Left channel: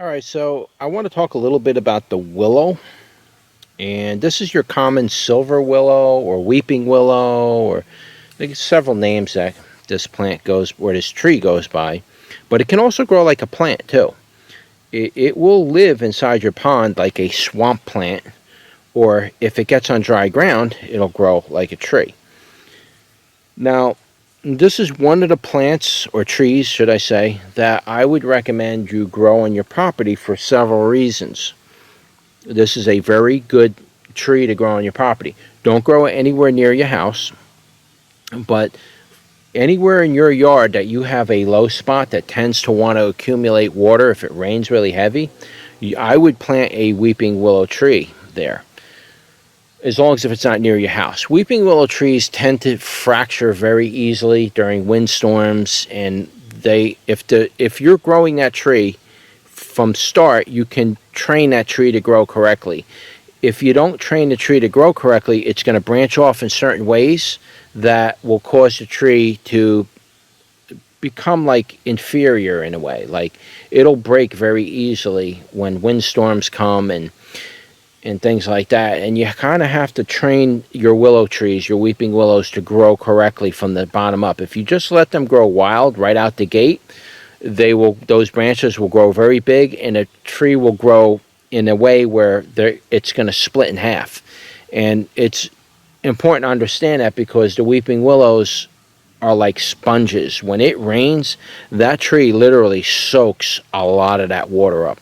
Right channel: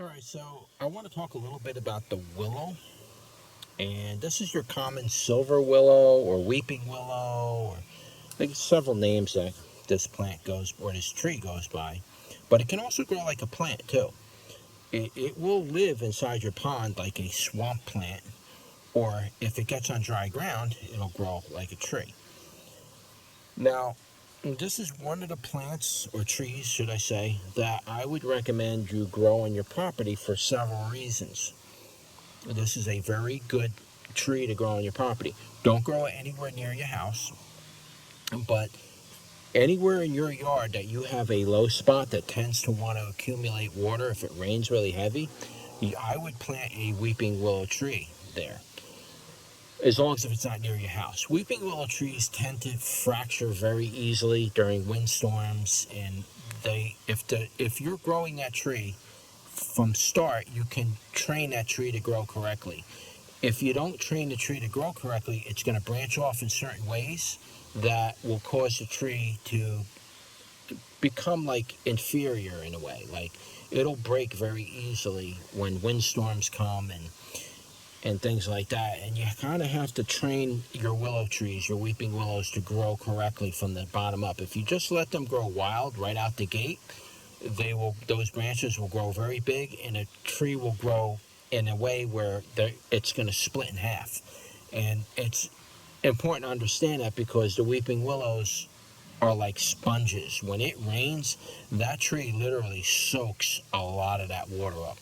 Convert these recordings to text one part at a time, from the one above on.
All right, so I want to talk a little bit about the willow. And this is your common silver willow or weeping willow, or there's several names that this plant goes, or this tree goes by. But it can also grow like a plant too. It will live inside your pond like a swamp plant, or if it gets on dry ground, it'll grow like a tree. Now, this is one of the plants, or trees, should I say, that I would recommend you grow on your property for several reasons. This is a very good tree to grow on your property. Don't grow it anywhere near your house, but anywhere in your yard that you have a low spot that tends to want to accumulate water if it rains really heavy, I would plant a weeping willow tree there, as long as if it's not near your house. Weeping willow trees tend to fracture very easily during windstorms, and if you're growing that tree from start, you can train that tree to grow correctly. If you don't train the tree to grow correctly, it's going to branch off in certain ways that will cause the tree to become like inferior in a way. Like it'll break very easily when windstorms come and things like that. And you kind of have to train your willow trees, your weeping willows, to grow correctly from the bottom up. If you just let them grow wild right out the gate, those branches will grow very big, and a tree will grow in a way where it's going to split in half. And it's important to understand that because the weeping willows are like sponges. When it rains, that tree literally soaks a lot of that water up.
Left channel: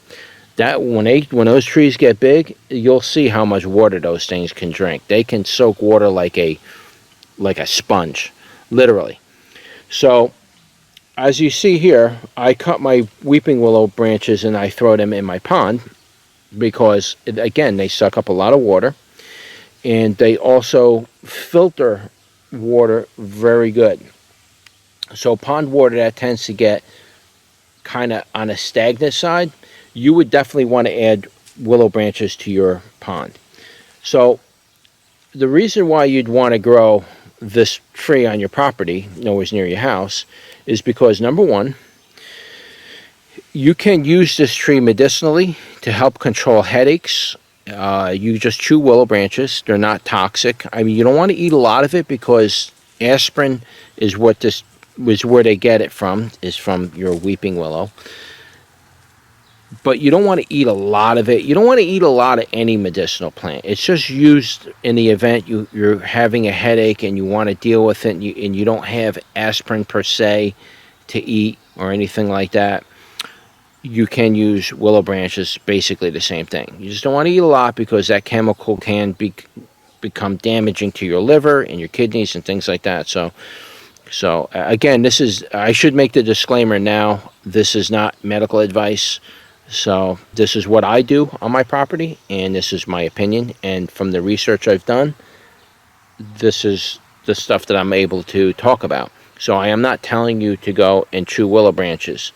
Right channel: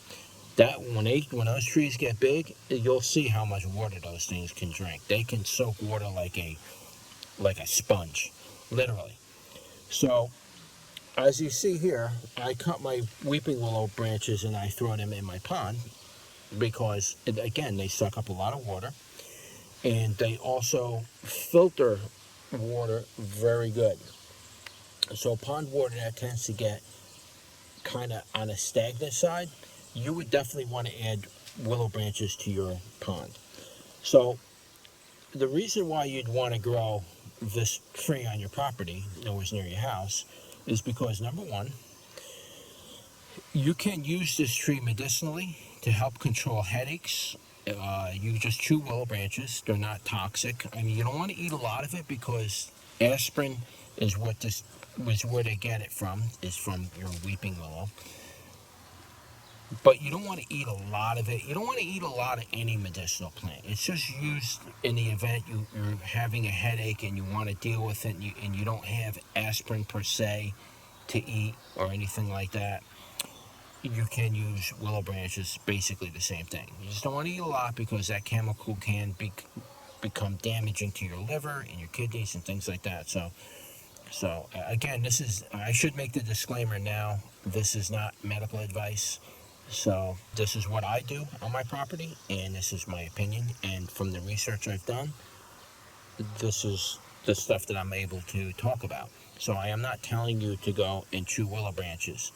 That when those trees get big, you'll see how much water those things can drink. They can soak water like a sponge, literally. So as you see here, I cut my weeping willow branches and I throw them in my pond because, again, they suck up a lot of water, and they also filter water very good. So pond water that tends to get kind of on a stagnant side, you would definitely want to add willow branches to your pond. So the reason why you'd want to grow this tree on your property, nowhere near your house, is because, number one, you can use this tree medicinally to help control headaches. You just chew willow branches. They're not toxic. I mean, you don't want to eat a lot of it because aspirin is where they get it from, is from your weeping willow. But you don't want to eat a lot of it. You don't want to eat a lot of any medicinal plant. It's just used in the event you're having a headache and you want to deal with it, and you don't have aspirin per se to eat or anything like that. You can use willow branches, basically the same thing. You just don't want to eat a lot because that chemical can become damaging to your liver and your kidneys and things like that. So again, I should make the disclaimer now, this is not medical advice. So this is what I do on my property, and this is my opinion. And from the research I've done, this is the stuff that I'm able to talk about. So I am not telling you to go and chew willow branches.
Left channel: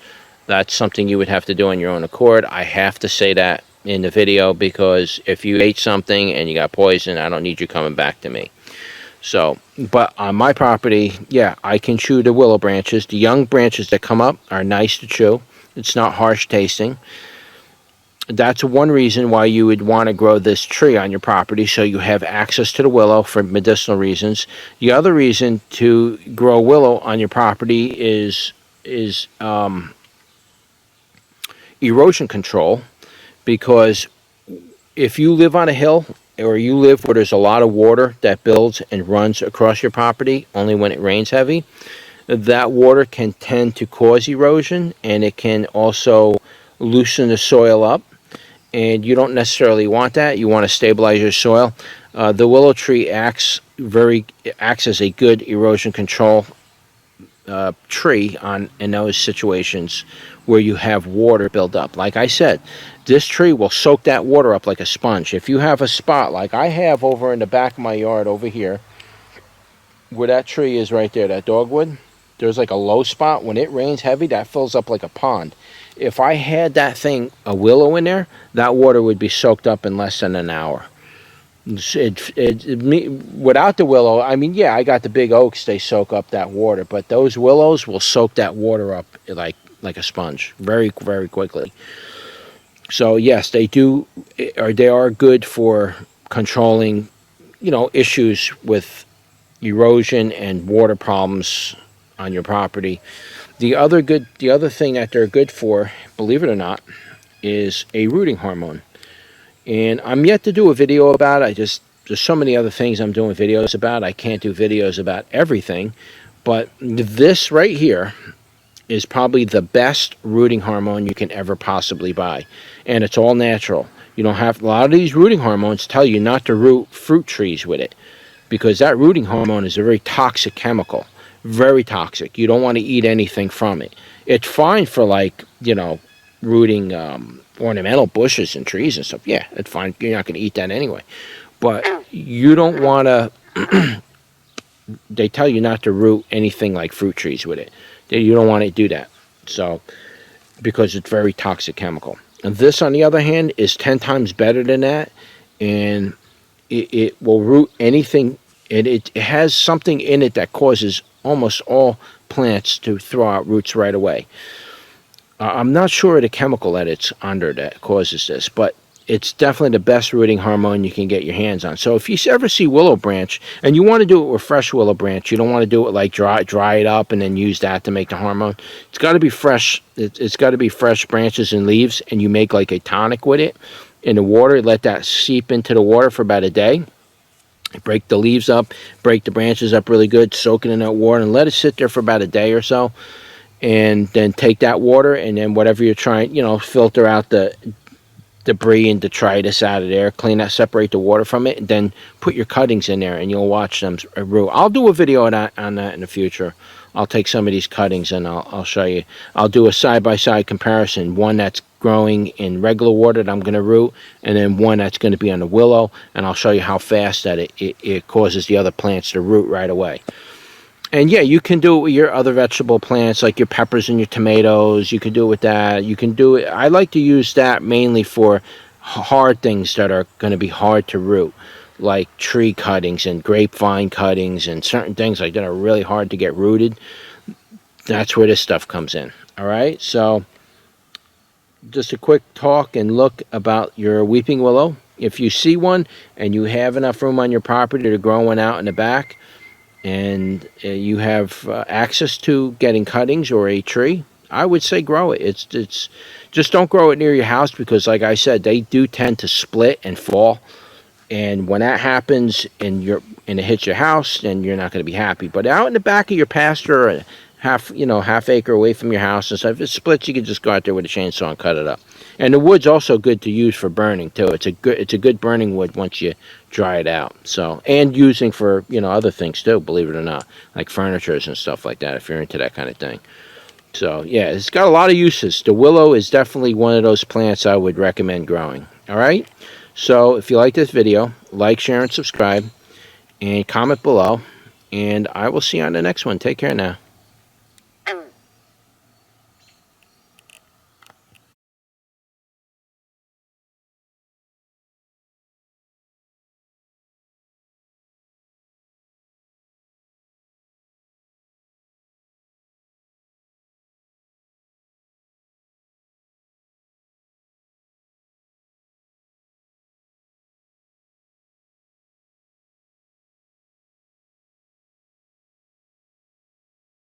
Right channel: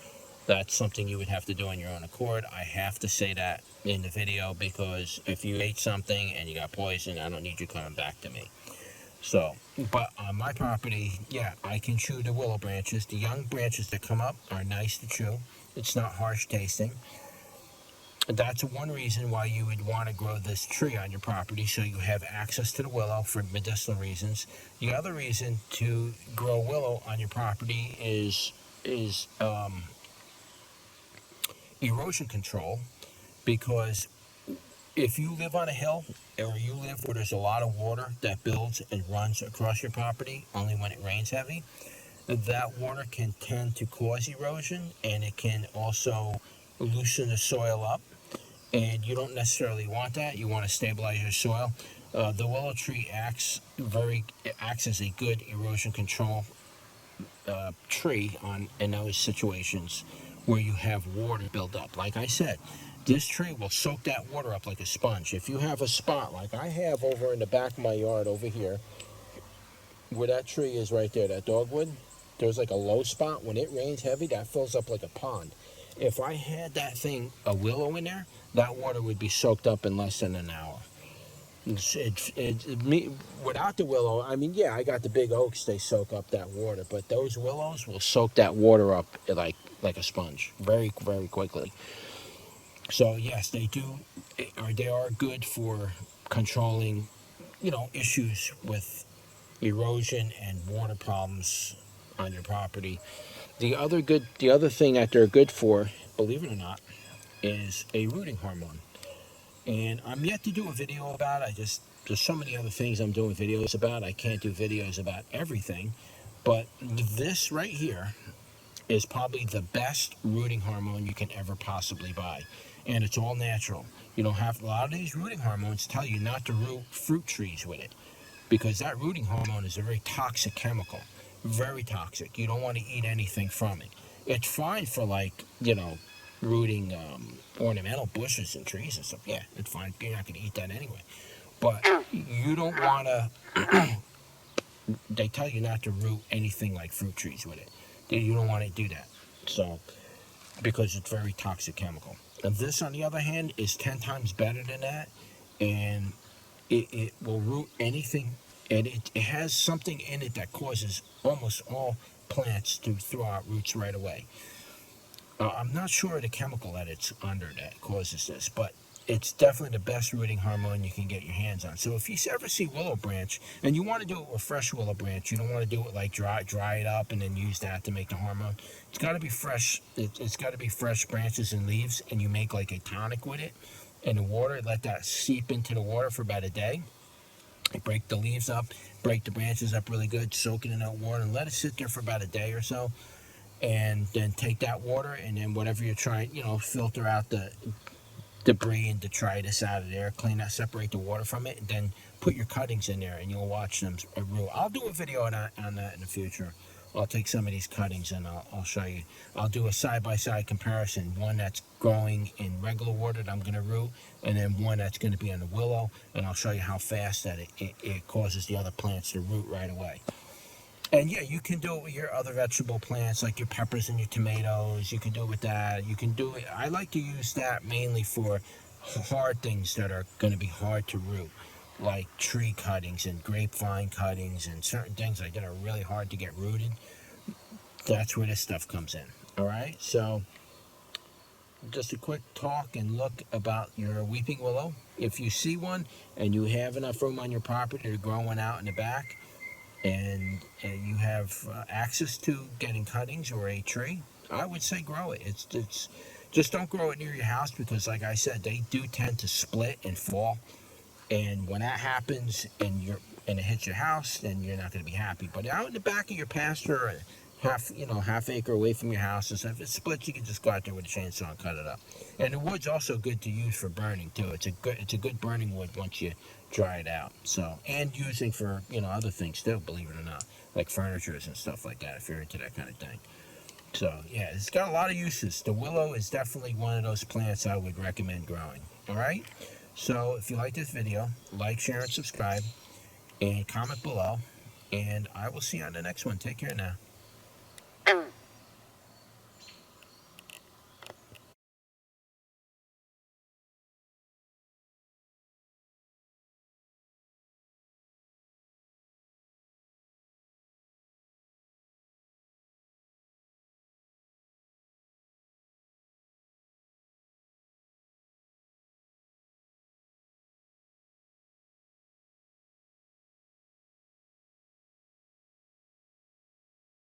That's something you would have to do on your own accord. I have to say that in the video because if you ate something and you got poison, I don't need you coming back to me. So, but on my property, yeah, I can chew the willow branches. The young branches that come up are nice to chew. It's not harsh tasting. That's one reason why you would want to grow this tree on your property, so you have access to the willow for medicinal reasons. The other reason to grow willow on your property is erosion control, because if you live on a hill or you live where there's a lot of water that builds and runs across your property only when it rains heavy, that water can tend to cause erosion, and it can also loosen the soil up, and you don't necessarily want that. You want to stabilize your soil. The willow tree acts as a good erosion control tree in those situations where you have water build up. Like I said, this tree will soak that water up like a sponge. If you have a spot like I have over in the back of my yard over here, where that tree is right there, that dogwood, there's like a low spot. When it rains heavy, that fills up like a pond. If I had a willow in there, that water would be soaked up in less than an hour. Without the willow, I mean, yeah, I got the big oaks, they soak up that water, but those willows will soak that water up like a sponge very, very quickly. So yes, they do, or they are good for controlling, issues with erosion and water problems on your property. The other thing that they're good for, believe it or not, is a rooting hormone. And I'm yet to do a video about it. There's so many other things I'm doing videos about. I can't do videos about everything, but this right here is probably the best rooting hormone you can ever possibly buy. And it's all natural. You don't have, a lot of these rooting hormones tell you not to root fruit trees with it, because that rooting hormone is a very toxic chemical. Very toxic. You don't want to eat anything from it. It's fine for, like, rooting ornamental bushes and trees and stuff. Yeah, it's fine. You're not going to eat that anyway. But you don't want to, they tell you not to root anything like fruit trees with it. You don't want to do that. So, because it's very toxic chemical. And this, on the other hand, is 10 times better than that. And it will root anything. And it has something in it that causes almost all plants to throw out roots right away. I'm not sure of the chemical that it's under that causes this, but it's definitely the best rooting hormone you can get your hands on. So if you ever see willow branch, and you want to do it with fresh willow branch, you don't want to do it like dry it up and then use that to make the hormone. It's got to be fresh. It's got to be fresh branches and leaves, and you make like a tonic with it in the water. Let that seep into the water for about a day. Break the leaves up, break the branches up really good, soak it in that water, and let it sit there for about a day or so. And then take that water, and then whatever you're trying, filter out the debris and detritus out of there, clean that, separate the water from it, and then put your cuttings in there, and you'll watch them root. I'll do a video on that in the future. I'll take some of these cuttings and I'll show you. I'll do a side-by-side comparison, one that's growing in regular water that I'm going to root, and then one that's going to be on the willow, and I'll show you how fast that it causes the other plants to root right away. And yeah, you can do it with your other vegetable plants, like your peppers and your tomatoes. You can do it with that. You can do it. I like to use that mainly for hard things that are going to be hard to root, like tree cuttings and grapevine cuttings and certain things like that are really hard to get rooted. That's where this stuff comes in. All right. So just a quick talk and look about your weeping willow. If you see one and you have enough room on your property to grow one out in the back, and you have access to getting cuttings or a tree, I would say grow it. It's just don't grow it near your house, because like I said, they do tend to split and fall. And when that happens and it hits your house, then you're not going to be happy. But out in the back of your pasture, or half acre away from your house and stuff, if it splits, you can just go out there with a chainsaw and cut it up. And the wood's also good to use for burning too. It's a good burning wood once you dry it out. So, and using for other things too, believe it or not, like furnitures and stuff like that, if you're into that kind of thing. So yeah, it's got a lot of uses. The willow is definitely one of those plants I would recommend growing. All right. So if you like this video, like, share, and subscribe, and comment below. And I will see you on the next one. Take care now.